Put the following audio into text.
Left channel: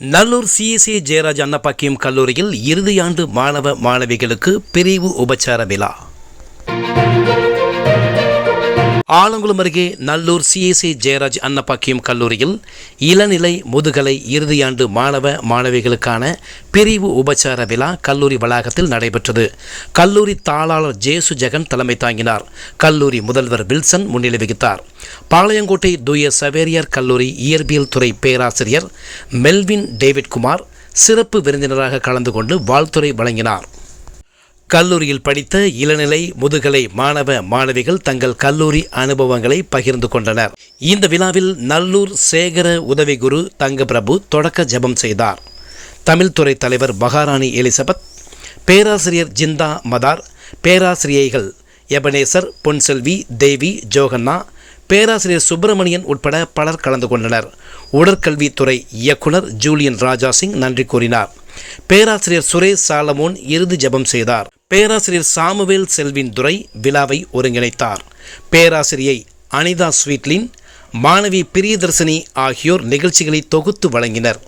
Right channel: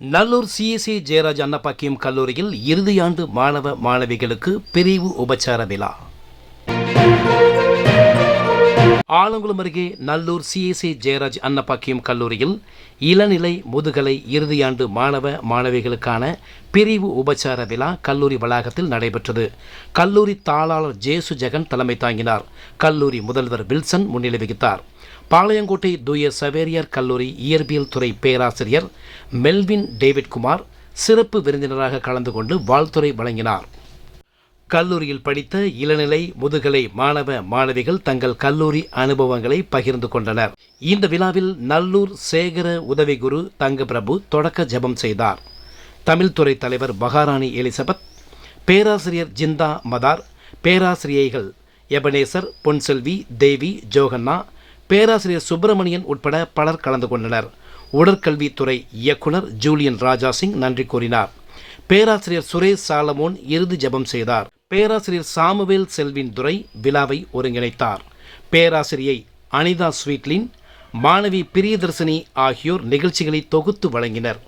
Nallur CSC Jayaraj Annapakkiyam கல்லூரியில் இறுதியாண்டு மாணவ மாணவிகளுக்கு பிரிவு உபச்சார விழா. ஆலங்குளம் அருகே நல்லூர் சிஎஸ்சி ஜெயராஜ் அன்னப்பாக்கியம் கல்லூரியில் இளநிலை முதுகலை இறுதியாண்டு மாணவ மாணவிகளுக்கான பிரிவு உபச்சார விழா கல்லூரி வளாகத்தில் நடைபெற்றது. கல்லூரி தாளாளர் ஜேசு ஜெகன் தலைமை தாங்கினார். கல்லூரி முதல்வர் வில்சன் முன்னிலை வகித்தார். பாளையங்கோட்டை தூய சவேரியார் கல்லூரி இயற்பியல் துறை பேராசிரியர் மெல்வின் டேவிட் குமார் சிறப்பு விருந்தினராக கலந்து கொண்டு வாழ்த்துறை வழங்கினார். கல்லூரியில் படித்த இளநிலை முதுகலை மாணவ மாணவிகள் தங்கள் கல்லூரி அனுபவங்களை பகிர்ந்து கொண்டனர். இந்த விழாவில் நல்லூர் சேகர உதவி குரு தங்க பிரபு தொடக்க ஜெபம் செய்தார். தமிழ்துறை தலைவர் மகாராணி எலிசபெத் பேராசிரியர் ஜிந்தா மதார் பேராசிரியைகள் எபனேசர் பொன்செல்வி தேவி ஜோகன்னா பேராசிரியர் சுப்பிரமணியன் உட்பட பலர் கலந்து கொண்டனர். உடற்கல்வித்துறை இயக்குனர் ஜூலியன் ராஜா சிங் நன்றி கூறினார். பேராசிரியர் சுரேஷ் சாலமோன் இறுதி ஜெபம் செய்தார். பேராசிரியர் சாமுவேல் செல்வின் துரை விழாவை ஒருங்கிணைத்தார். பேராசிரியை அனிதா ஸ்வீட்லின் மாணவி பிரியதர்சினி ஆகியோர் நிகழ்ச்சிகளை தொகுத்து வழங்கினர்.